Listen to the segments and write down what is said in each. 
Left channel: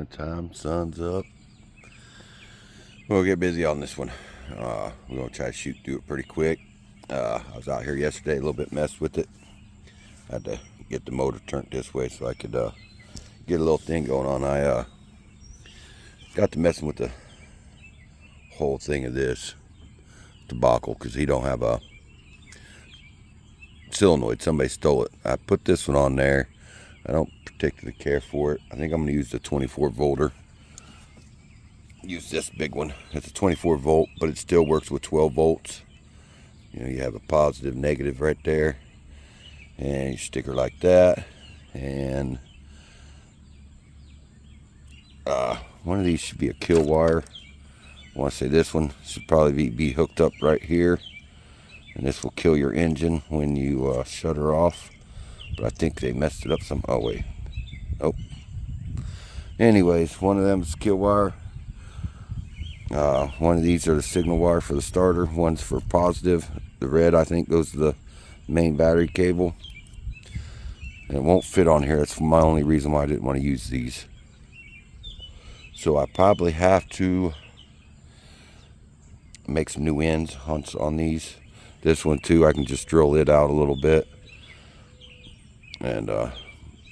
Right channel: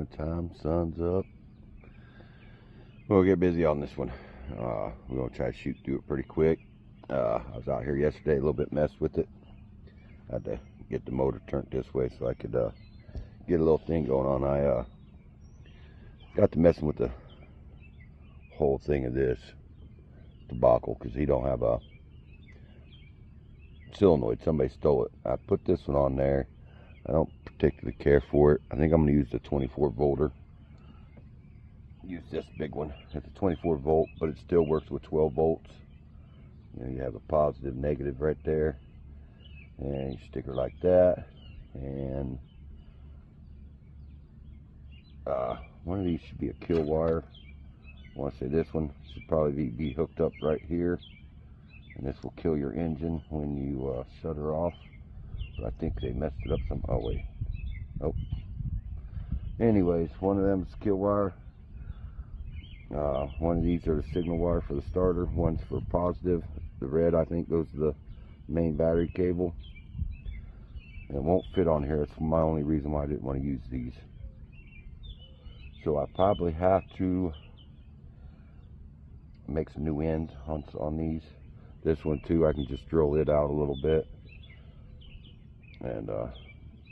morning time, sun's up. We'll get busy on this one. We're gonna try to do it pretty quick. I was out here yesterday, a little bit messed with it. I had to get the motor turned this way so I could get a little thing going on. I got to messing with the whole thing of this debacle because he don't have a solenoid. Somebody stole it. I put this one on there. I don't particularly care for it. I think I'm going to use the 24 volter. Use this big one. It's a 24 volt, but it still works with 12 volts. You know, you have a positive, negative right there, and your sticker like that. And one of these should be a kill wire. I want to say this one should probably be hooked up right here, and this will kill your engine when you shut her off. But I think they messed it up some. Oh wait, nope. Anyways, one of them is kill wire. One of these are the signal wire for the starter. One's for positive. The red, I think, goes to the main battery cable. And it won't fit on here. That's my only reason why I didn't want to use these. So I probably have to make some new ends on these. This one too, I can just drill it out a little bit. And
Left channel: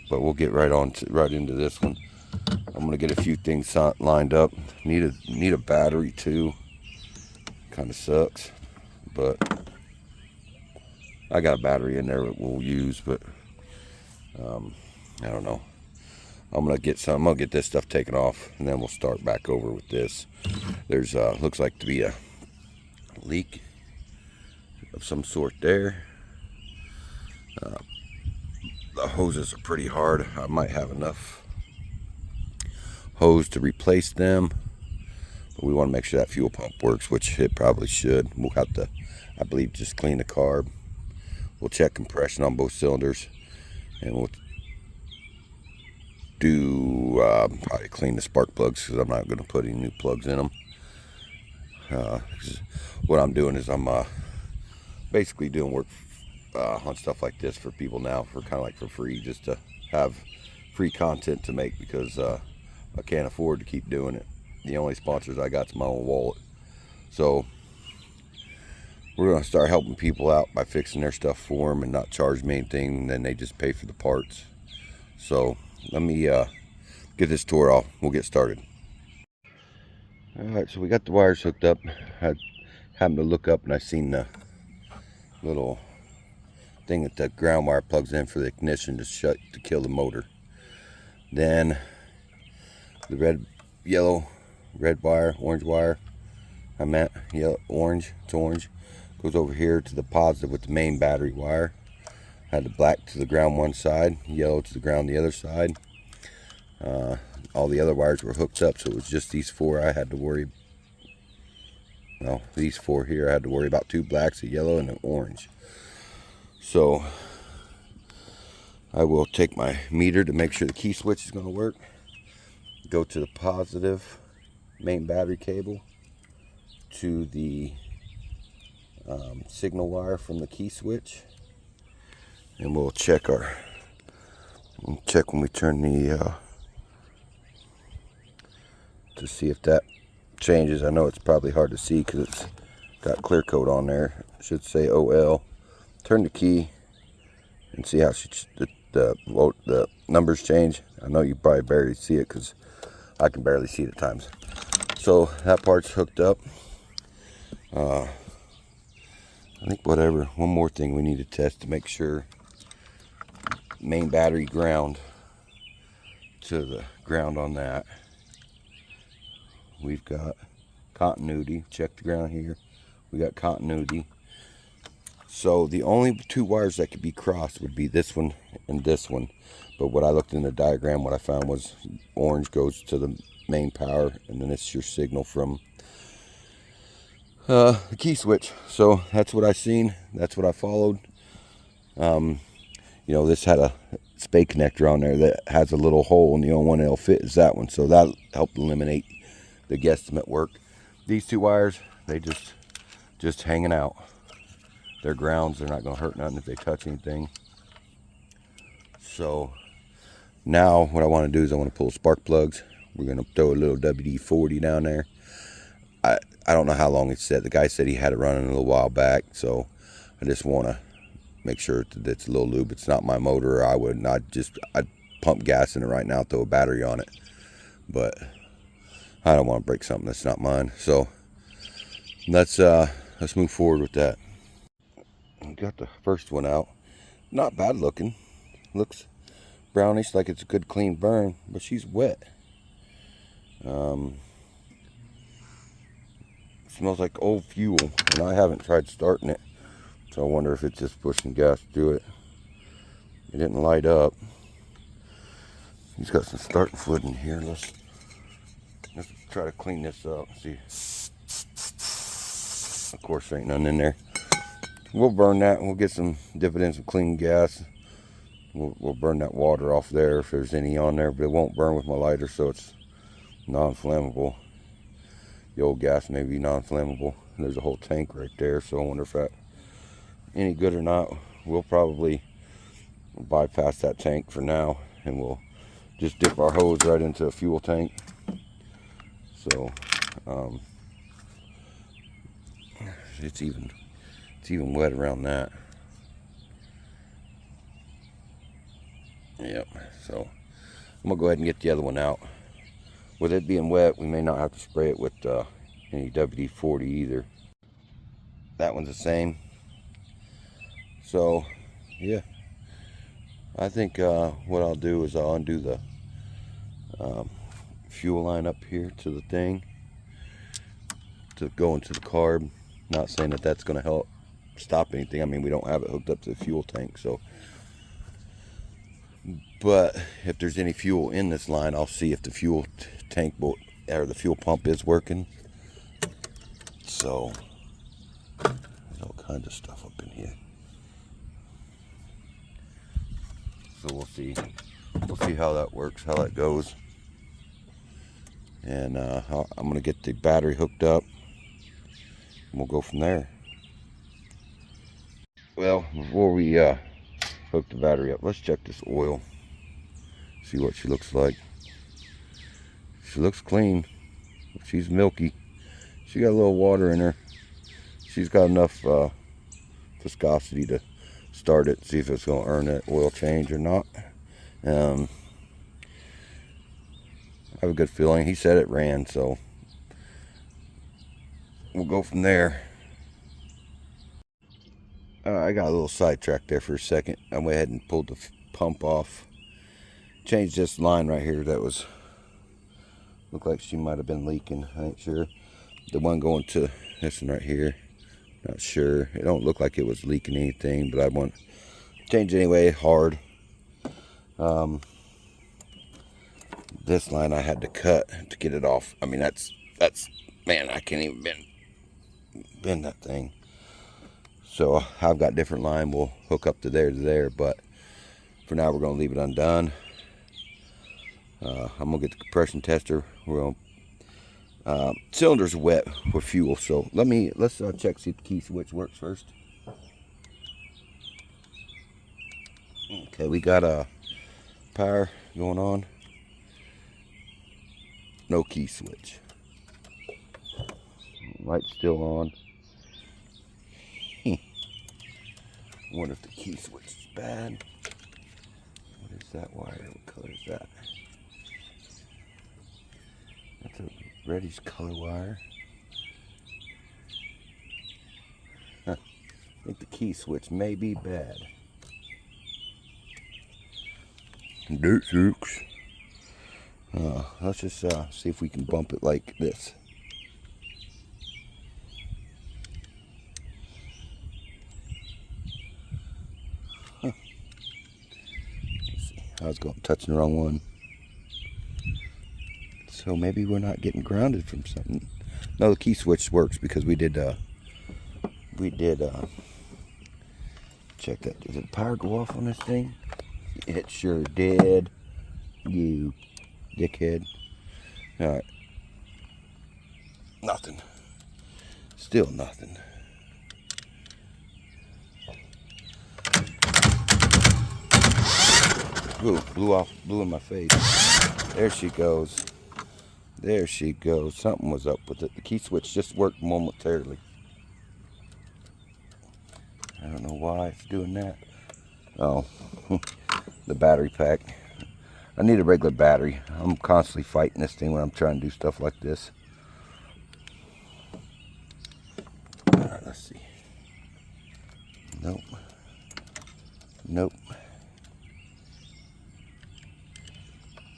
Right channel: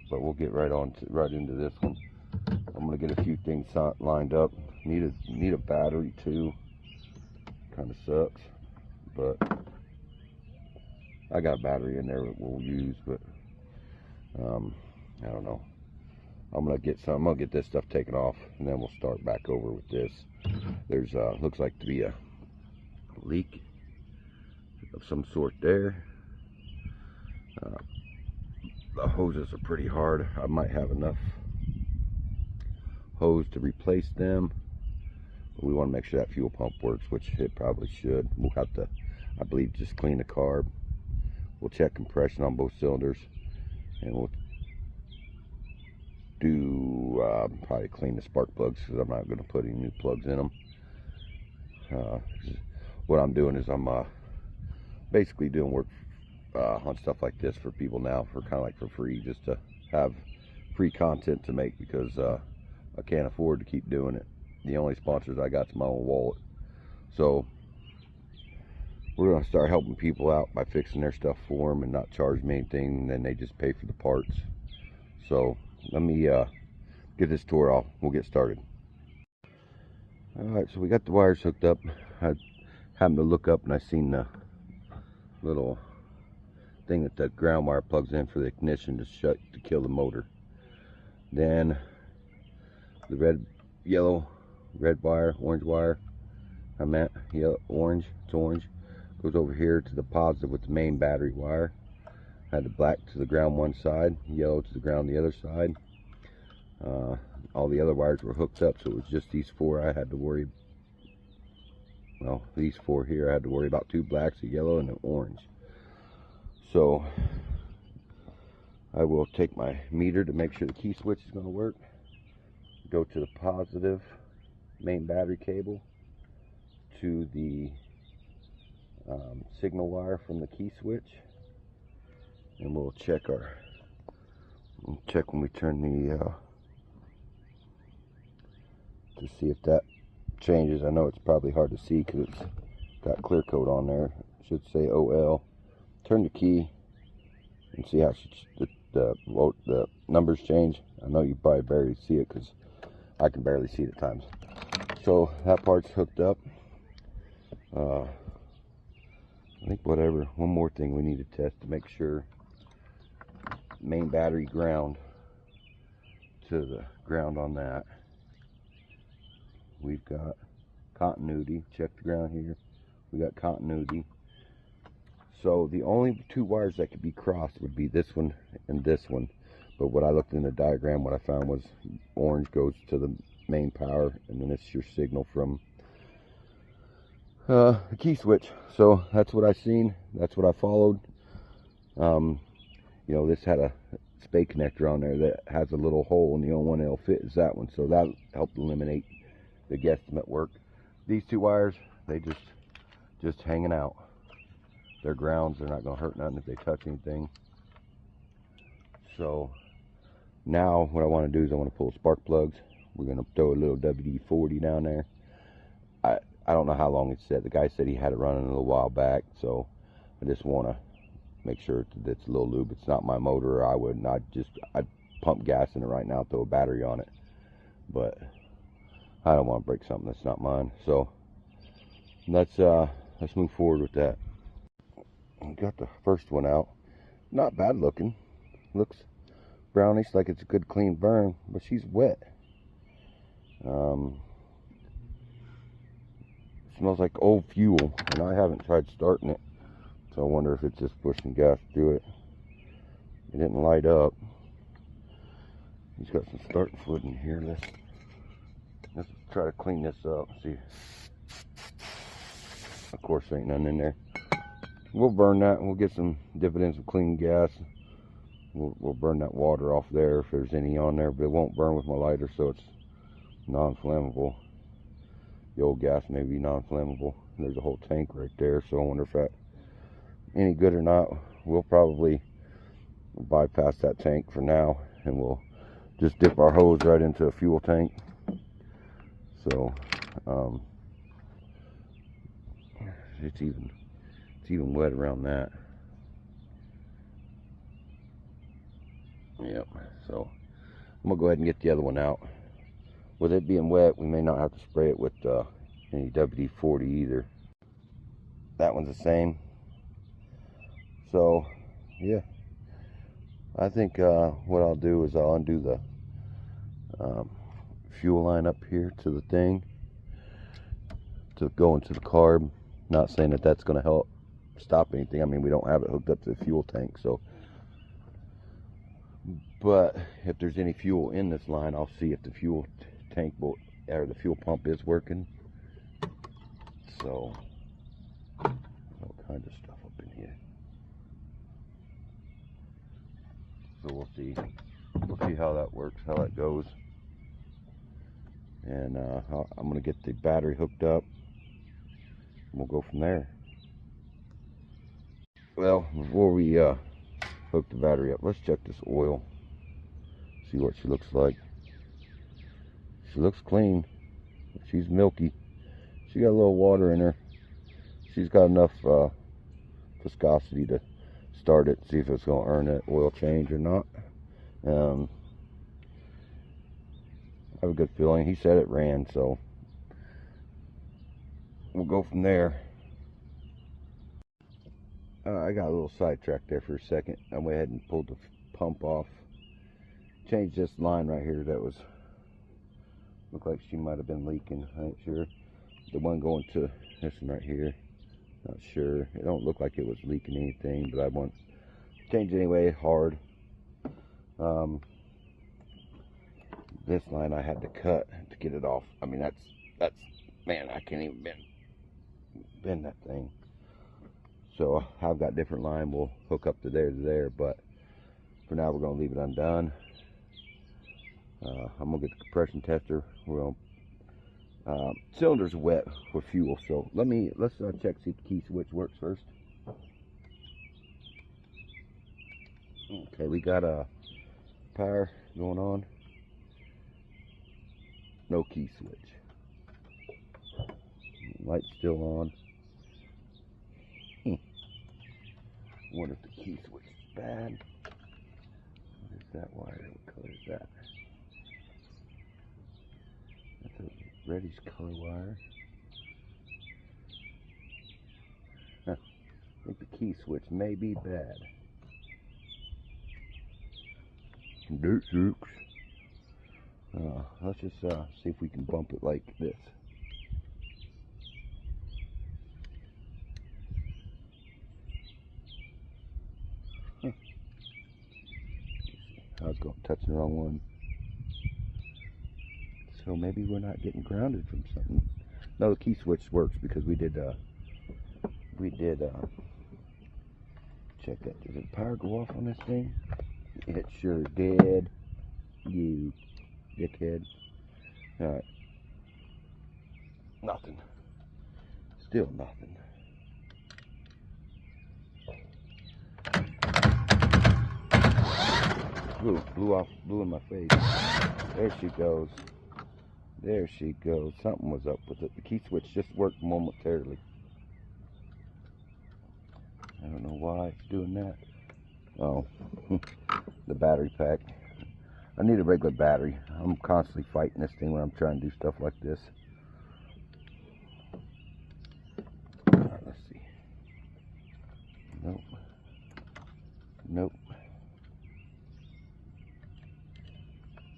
but we'll get right into this one. I'm gonna get a few things lined up. Need a battery too. Kind of sucks, but I got a battery in there that we'll use. But I don't know. I'm gonna get this stuff taken off, and then we'll start back over with this. There's looks like to be a leak of some sort there. The hoses are pretty hard. I might have enough hose to replace them, but we want to make sure that fuel pump works, which it probably should. We'll have to, I believe, just clean the carb. We'll check compression on both cylinders, and we'll do probably clean the spark plugs, because I'm not going to put any new plugs in them. What I'm doing is I'm basically doing work on stuff like this for people now, for kind of like for free, just to have free content to make, because I can't afford to keep doing it. The only sponsors I got is my own wallet. So we're going to start helping people out by fixing their stuff for them and not charge me anything, and then they just pay for the parts. So let me get this tore off. We'll get started. Alright, so we got the wires hooked up. I happened to look up and I seen the little thing that the ground wire plugs in for the ignition to kill the motor. Then the red wire, orange wire, I meant yellow, orange, it's orange, goes over here to the positive with the main battery wire. Had the black to the ground one side, yellow to the ground the other side. All the other wires were hooked up, so it was just these four I had to worry. Well, these four here I had to worry about: two blacks, a yellow, and an orange. So I will take my meter to make sure the key switch is going to work. Go to the positive main battery cable, to the signal wire from the key switch, and we'll check when we turn the to see if that changes. I know it's probably hard to see because it's got clear coat on there. It should say OL. Turn the key and see how the numbers change. I know you probably barely see it because I can barely see it at times. So that part's hooked up. I think one more thing we need to test to make sure main battery ground to the ground on that. We've got continuity. Check the ground here. We got continuity. So the only two wires that could be crossed would be this one and this one. But what I looked in the diagram, what I found was orange goes to the main power, and then it's your signal from the key switch. So that's what I seen. That's what I followed. You know, this had a spay connector on there that has a little hole, and the only one that'll fit is that one. So that helped eliminate the guesstimate work. These two wires, they just hanging out. They're grounds. They're not going to hurt nothing if they touch anything. So now what I want to do is I want to pull spark plugs. We're going to throw a little WD-40 down there. I don't know how long it said. The guy said he had it running a little while back, so I just want to make sure that it's a little lube. It's not my motor. I'd pump gas in it right now, throw a battery on it, but I don't want to break something that's not mine. So let's move forward with that. I got the first one out. Not bad looking. Looks brownish, like it's a good clean burn, but she's wet. Smells like old fuel, and I haven't tried starting it, so I wonder if it's just pushing gas through it. It didn't light up. He's got some starting fluid in here. Let's try to clean this up. See, of course there ain't none in there. We'll burn that, and we'll get some dividends of clean gas. We'll burn that water off there if there's any on there, but it won't burn with my lighter, so it's non-flammable. The old gas may be non-flammable. There's a whole tank right there, so I wonder if that's any good or not. We'll probably bypass that tank for now, and we'll just dip our hose right into a fuel tank. So it's even wet around that. Yep. So I'm gonna go ahead and get the other one out. With it being wet, we may not have to spray it with any WD-40 either. That one's the same. So, yeah. I think what I'll do is I'll undo the fuel line up here to the thing to go into the carb. Not saying that that's going to help stop anything. I mean, we don't have it hooked up to the fuel tank, so. But if there's any fuel in this line, I'll see if the fuel tank or the fuel pump is working. So there's all kinds of stuff up in here. So we'll see how that works, how that goes. And I'm gonna get the battery hooked up, and we'll go from there. Well, before we hook the battery up, let's check this oil. See what she looks like. She looks clean. She's milky. She got a little water in her. She's got enough viscosity to start it. See if it's going to earn that oil change or not. I have a good feeling. He said it ran, so we'll go from there. I got a little sidetracked there for a second. I went ahead and pulled the pump off. Changed this line right here that was looked like she might have been leaking. I ain't sure. The one going to this one right here, not sure. It don't look like it was leaking anything, but I want to change anyway. Hard. This line I had to cut to get it off. I mean, that's man, I can't even bend that thing. So I've got different line. We'll hook up to there, but for now we're gonna leave it undone. I'm gonna get the compression tester. We're gonna cylinder's wet with fuel, so let's check, see if the key switch works first. Okay, we got a power going on. No key switch. Light's still on. I wonder if the key switch is bad. What is that wire? What color is that? That's a reddish color wire. I think the key switch may be bad. Dirt sucks. Let's just see if we can bump it like this. Huh. Let's see. I was touching the wrong one. So maybe we're not getting grounded from something. No, the key switch works because we did check that. Did the power go off on this thing? It sure did. You dickhead. Alright. Nothing. Still nothing. Ooh, blew in my face. There she goes. There she goes. Something was up with it. The key switch just worked momentarily. I don't know why it's doing that. Oh, the battery pack. I need a regular battery. I'm constantly fighting this thing when I'm trying to do stuff like this. Let's see. Nope. Nope.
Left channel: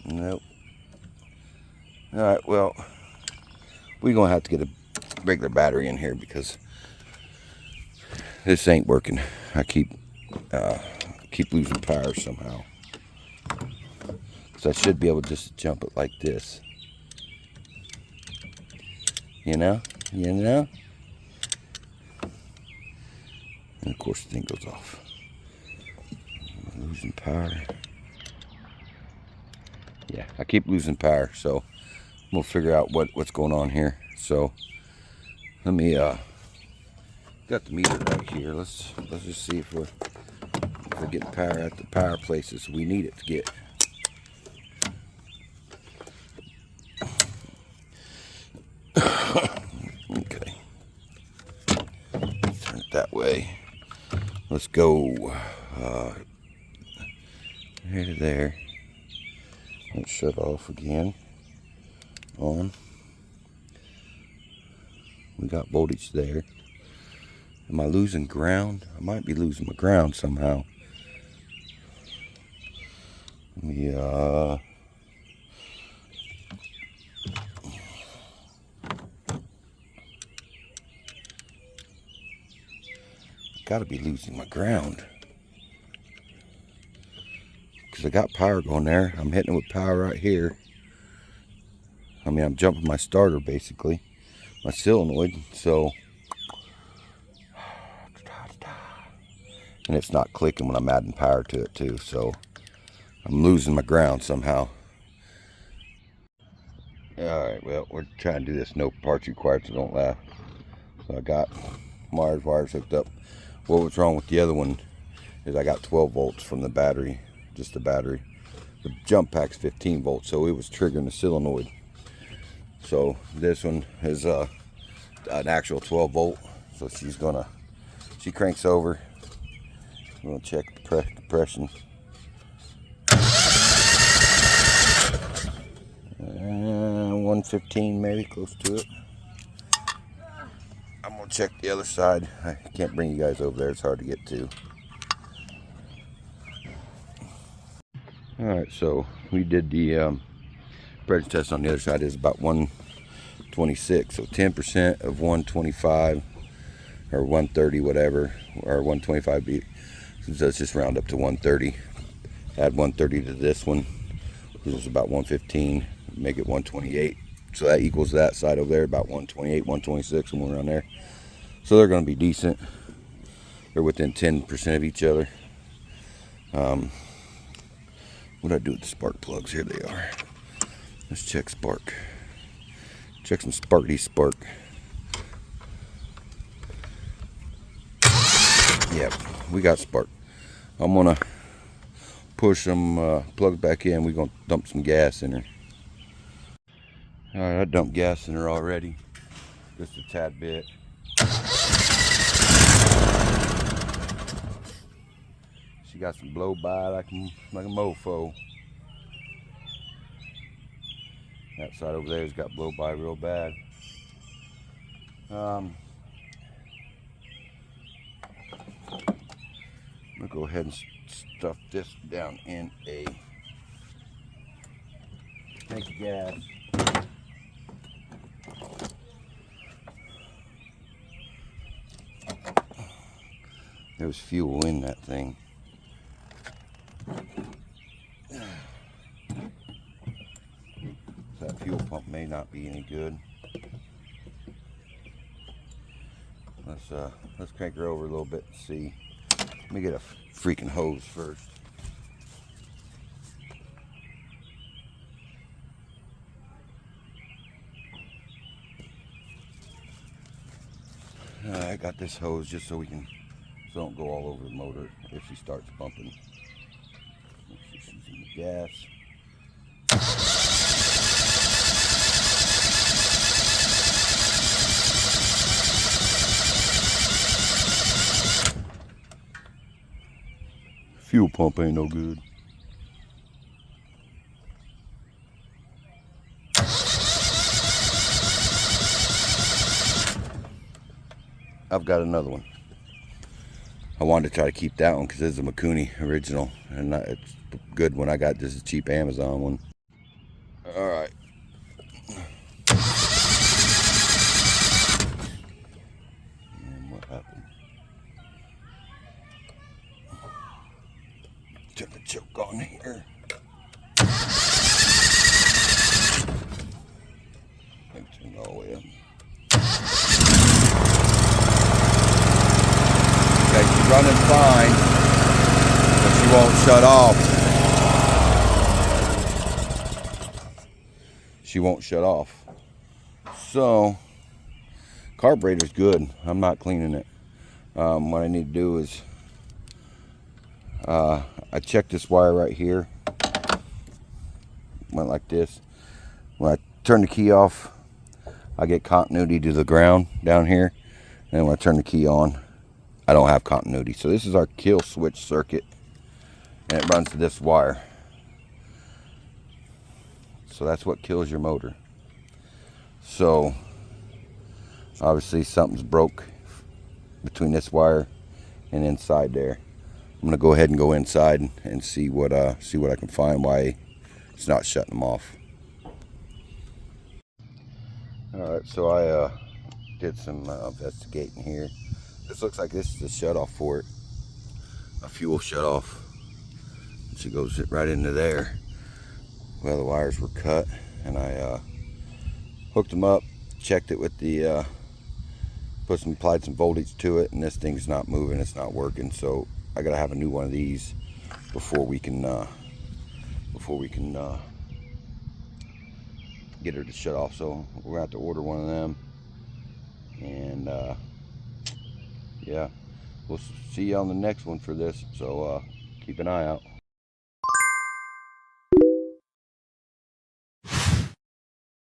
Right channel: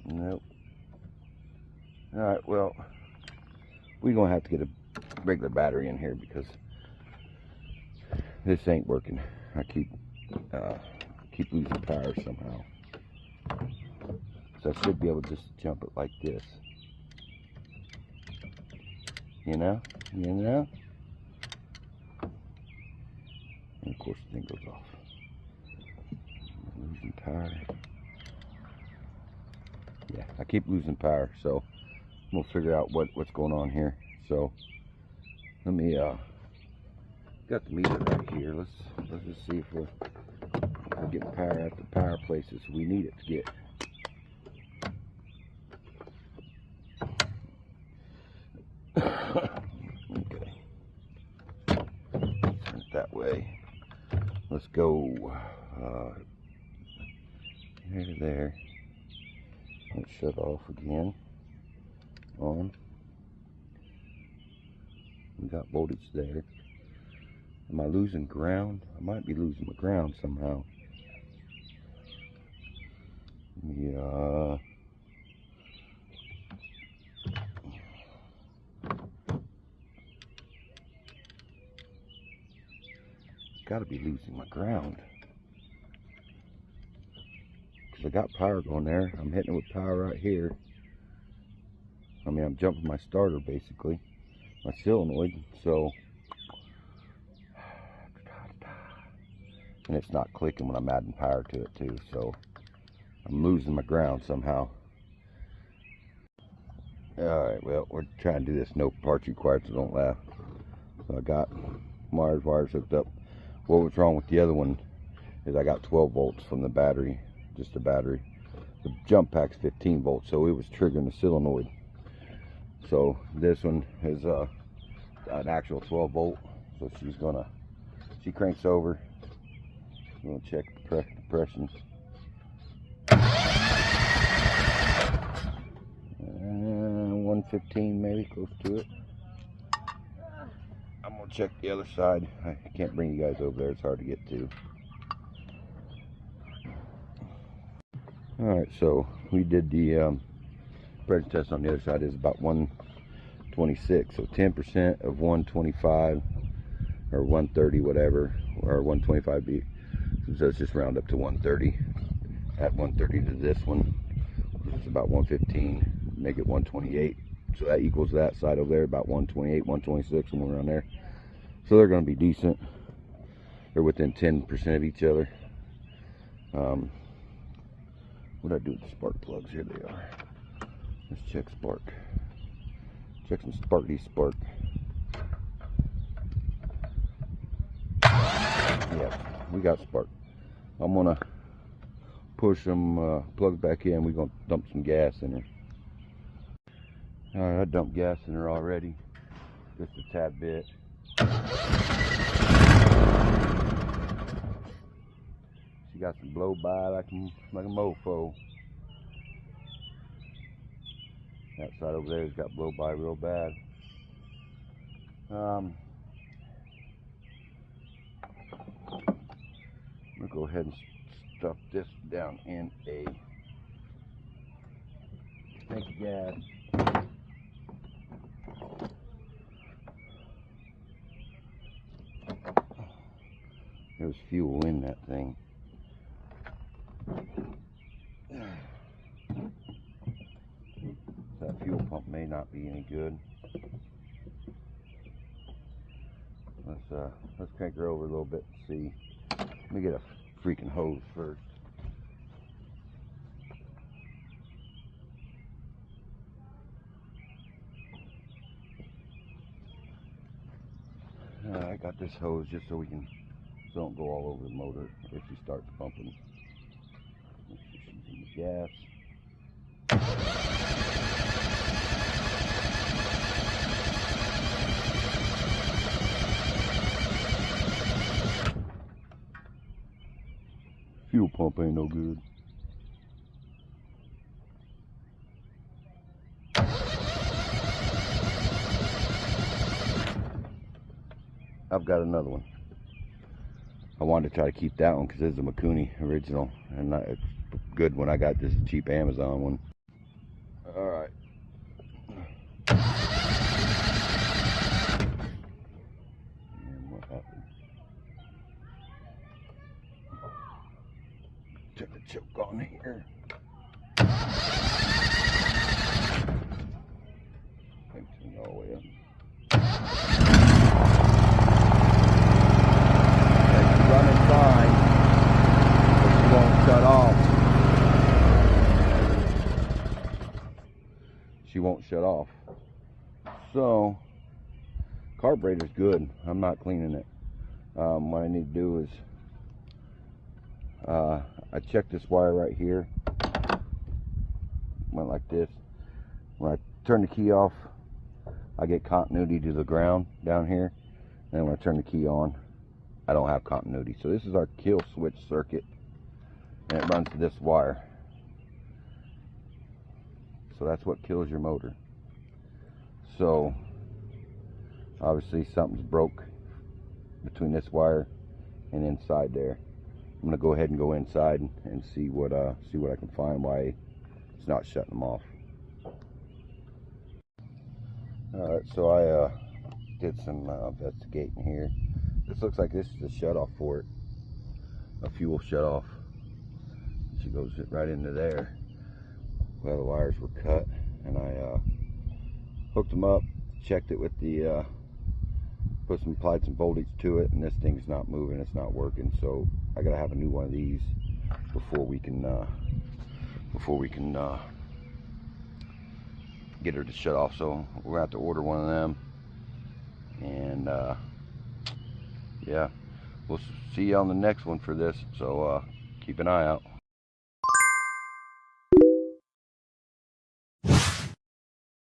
Nope. Alright, well, we're going to have to get a regular battery in here because this ain't working. I keep losing power somehow. So I should be able to just jump it like this. You know? You know? And of course the thing goes off. I'm losing power. Yeah, I keep losing power, so we'll figure out what's going on here. So let me got the meter right here. Let's just see if we're getting power at the power places we need it to get. Okay. Turn it that way. Let's go here to there. Let's shut off again. On. We got voltage there. Am I losing ground? I might be losing my ground somehow. Yeah. Gotta be losing my ground. Because I got power going there. I'm hitting it with power right here. I mean, I'm jumping my starter basically. My solenoid, so. And it's not clicking when I'm adding power to it too, so I'm losing my ground somehow. Alright, well, we're trying to do this no parts required, so don't laugh. So I got wires hooked up. What was wrong with the other one is I got 12 volts from the battery, just the battery. The jump pack's 15 volts, so it was triggering the solenoid. So this one is an actual 12 volt, so she cranks over. I'm gonna check the depression. 115 maybe, close to it. I'm gonna check the other side. I can't bring you guys over there, it's hard to get to. Alright, so we did the pressure test on the other side. Is about 126, so 10% of 125 or 130, whatever, or 125 beat. So let's just round up to 130. Add 130 to this one. This is about 115. Make it 128. So that equals that side over there, about 128, 126, somewhere around there. So they're going to be decent. They're within 10% of each other. What do I do with the spark plugs? Here they are. Let's check spark. Check some sparky spark. Yep, we got spark. I'm gonna push some plugs back in. We're gonna dump some gas in her. Alright, I dumped gas in her already. Just a tad bit. She got some blow by like a mofo. That side over there has got blow by real bad. I'm gonna go ahead and stuff this down in a tank of gas. There's fuel in that thing. That fuel pump may not be any good. Let's crank her over a little bit and see. Let me get a freaking hose first. I got this hose just so it don't go all over the motor if she starts bumping. She's using the gas. Fuel pump ain't no good. I've got another one. I wanted to try to keep that one because it's a Mikuni original, and it's a good one. I got this is a cheap Amazon one. All right. And what happened? Took a choke on here. Turn all the way up. Running fine, but she won't shut off. She won't shut off. So, carburetor's good. I'm not cleaning it. What I need to do is, I checked this wire right here. Went like this. When I turn the key off, I get continuity to the ground down here. And when I turn the key on, I don't have continuity. So this is our kill switch circuit, and it runs to this wire. So that's what kills your motor. So obviously something's broke between this wire and inside there. I'm gonna go ahead and go inside and see what I can find why it's not shutting them off. All right, so I did some investigating here. This looks like this is a shutoff for it, a fuel shutoff. So it goes right into there. Well, the wires were cut, and I hooked them up, checked it with the, applied some voltage to it, and this thing's not moving, it's not working. So I gotta have a new one of these before we can get her to shut off. So we're gonna have to order one of them, and yeah, we'll see you on the next one for this, so keep an eye out.